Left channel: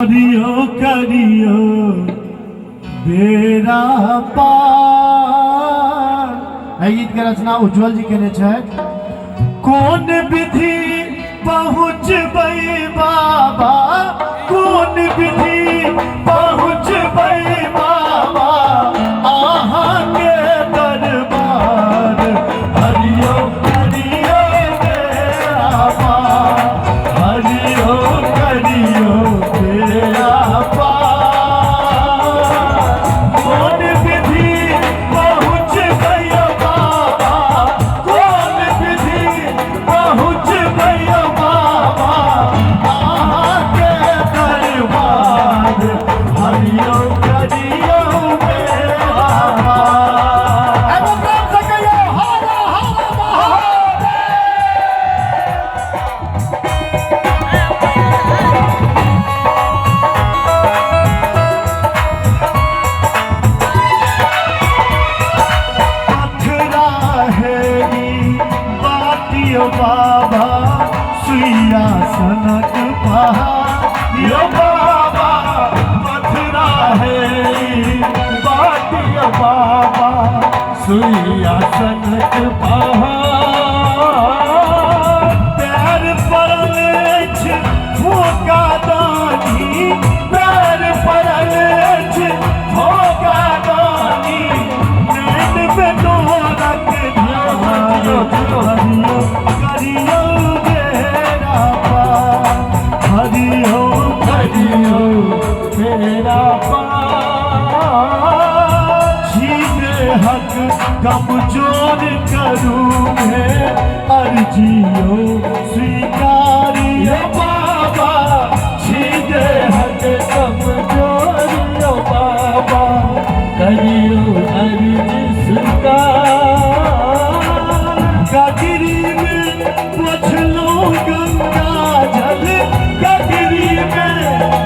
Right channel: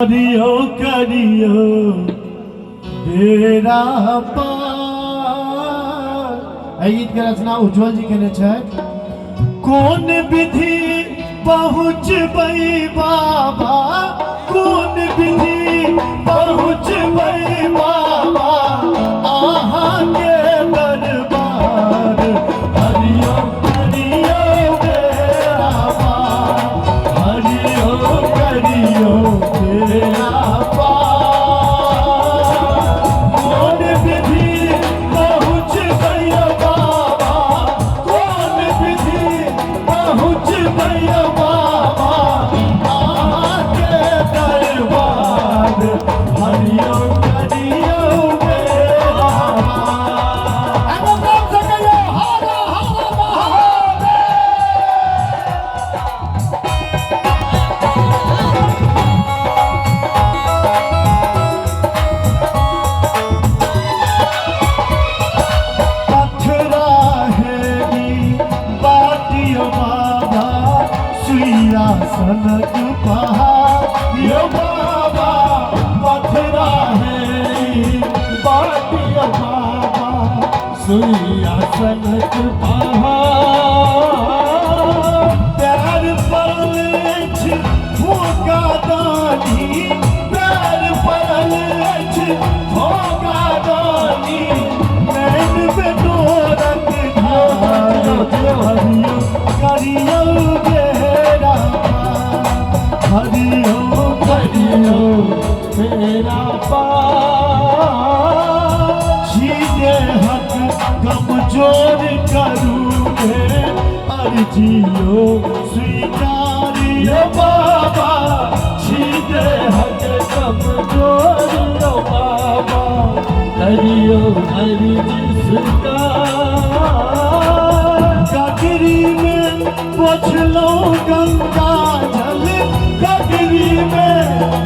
करियो करियो बेरा पार। गीत के रचना उज्जवल जी केने छथि। कोन विधि पहुँचबै बाबा, कोन विधि पहुँचबै बाबा अहाँ के दरबार। हरियो करियो बेरा पार, हरियो करियो बेरा पार। कोन विधि पहुँचबै बाबा, कोन विधि पहुँचबै बाबा अहाँ के दरबार। हरियो करियो बेरा पार। एगो काम से कहियो हर हर महादेव। पथरा हेरी बाटियो बाबा, सुइया सनक पहाड़ियो बाबा। पथरा हेरी बाटियो बाबा, सुइया सनक पहाड़। पैर पड़ल अछि भोगा दानी, पैर पड़ल अछि भोगा दानी। नैन बेडोरक ध्यान, हरियो करियो बेरा पार, हरियो करियो बेरा पार। छीने हक कमजोर करूँगे, अर्जियो स्वीकारियो बाबा। छीने हक कमजोर बाबा, करियो अर्जी स्वीकार। गगरी में पोछलौं गंगा जल, गगरी में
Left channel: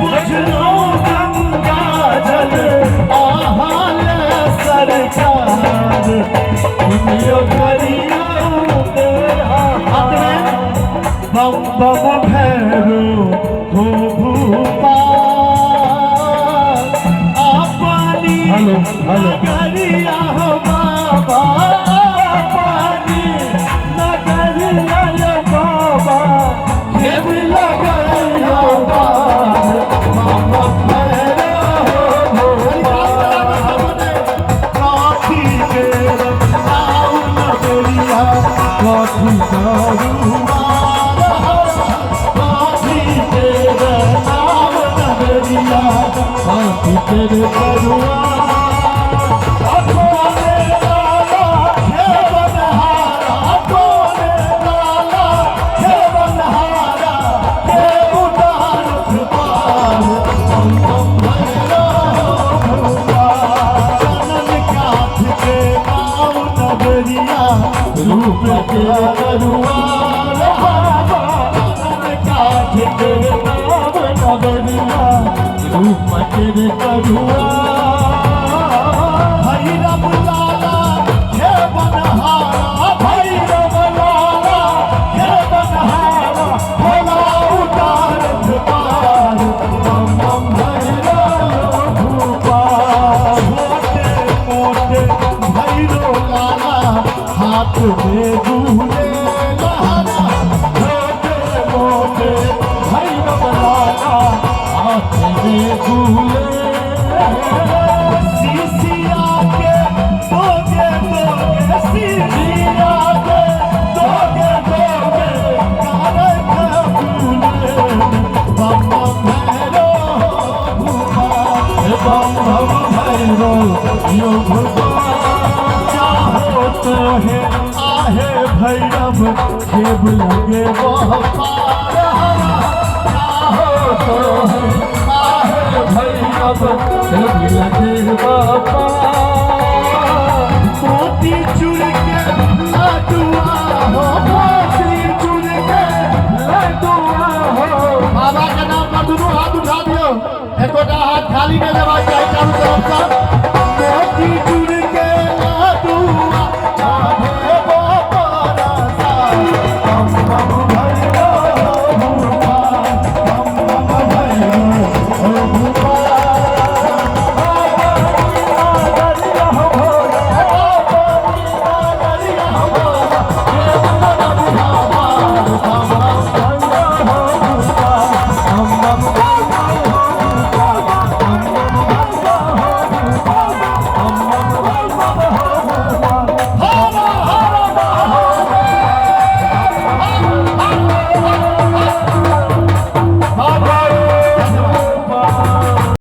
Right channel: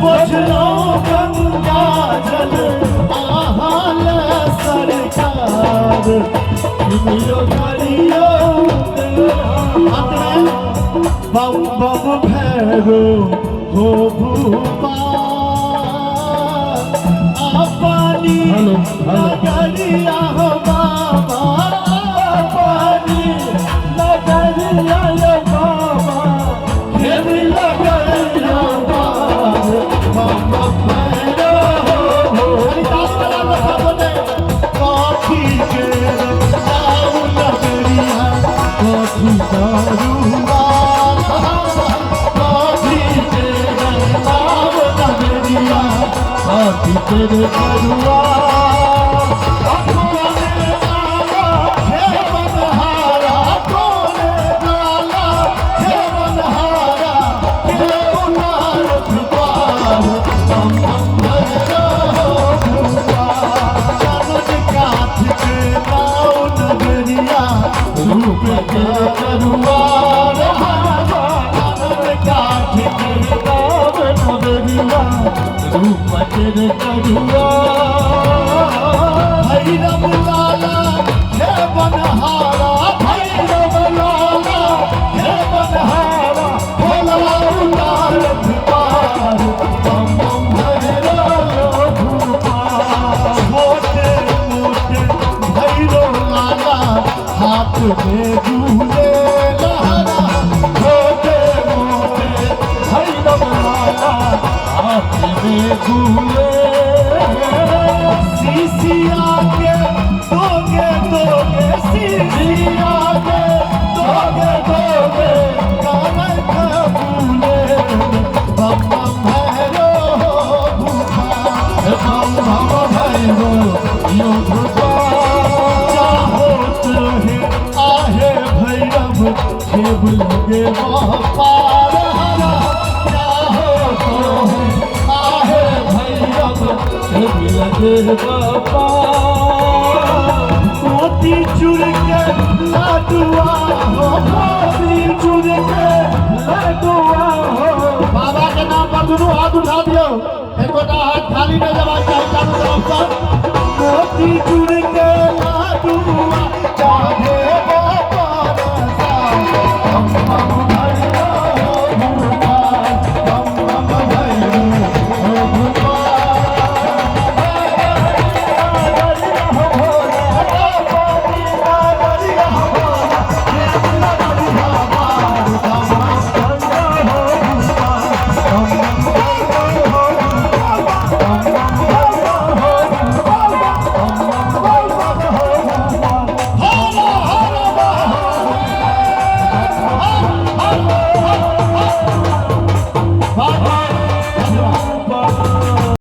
पोछलौं गंगा जल अहाँ ले सरकार। करियो करियो तेरा पार। बम बम भैरो हो भूपाल, आ पानी नगरिया हो बाबा, आ पानी नगरिया हो बाबा, खेत लगरिया बाबा। बम बम भैरो हो काठी के नाव नगरिया, काठी करुआ, काठी के नाव नगरिया, काठी के करुआ। कोने लाला हे बनहारा, कोने लाला हे बनहारा, के उतार पार। बम बम भैरो हो भूपाल, चरण काठ के नाव नगरिया, रूप के करुआ रहावा। चरण काठ के नाव नगरिया, रूप के करुआ। भैरव लाला हे बनहारा, भैरव लाला हे बनहारा, भोला उतार पार। बम बम भैरो भूपाल, छोटे मोटे भैरो लाला हाथ में गुले लहरा। छोटे मोटे भैरव लाला हाथ में गुले। सीसिया के दोगे दोगे, सीसिया के दोगे दोगे, करे फूले। बम बम भैरो भूपाल, बम बम भैरो यो भूपाल। चाहो तो है आहे भैरव, खेब लगे वह पार। चाहो तो है आहे भैरव, खेब लगे वह पार। मोती चुर के लाडुआ हो, मोती चुर के लाडुआ हो। बाबा के नाम पर दुनू हाथ उठा दियो, एकोटा हाथ खाली नहीं लेबाक चाही चारू तरफ से।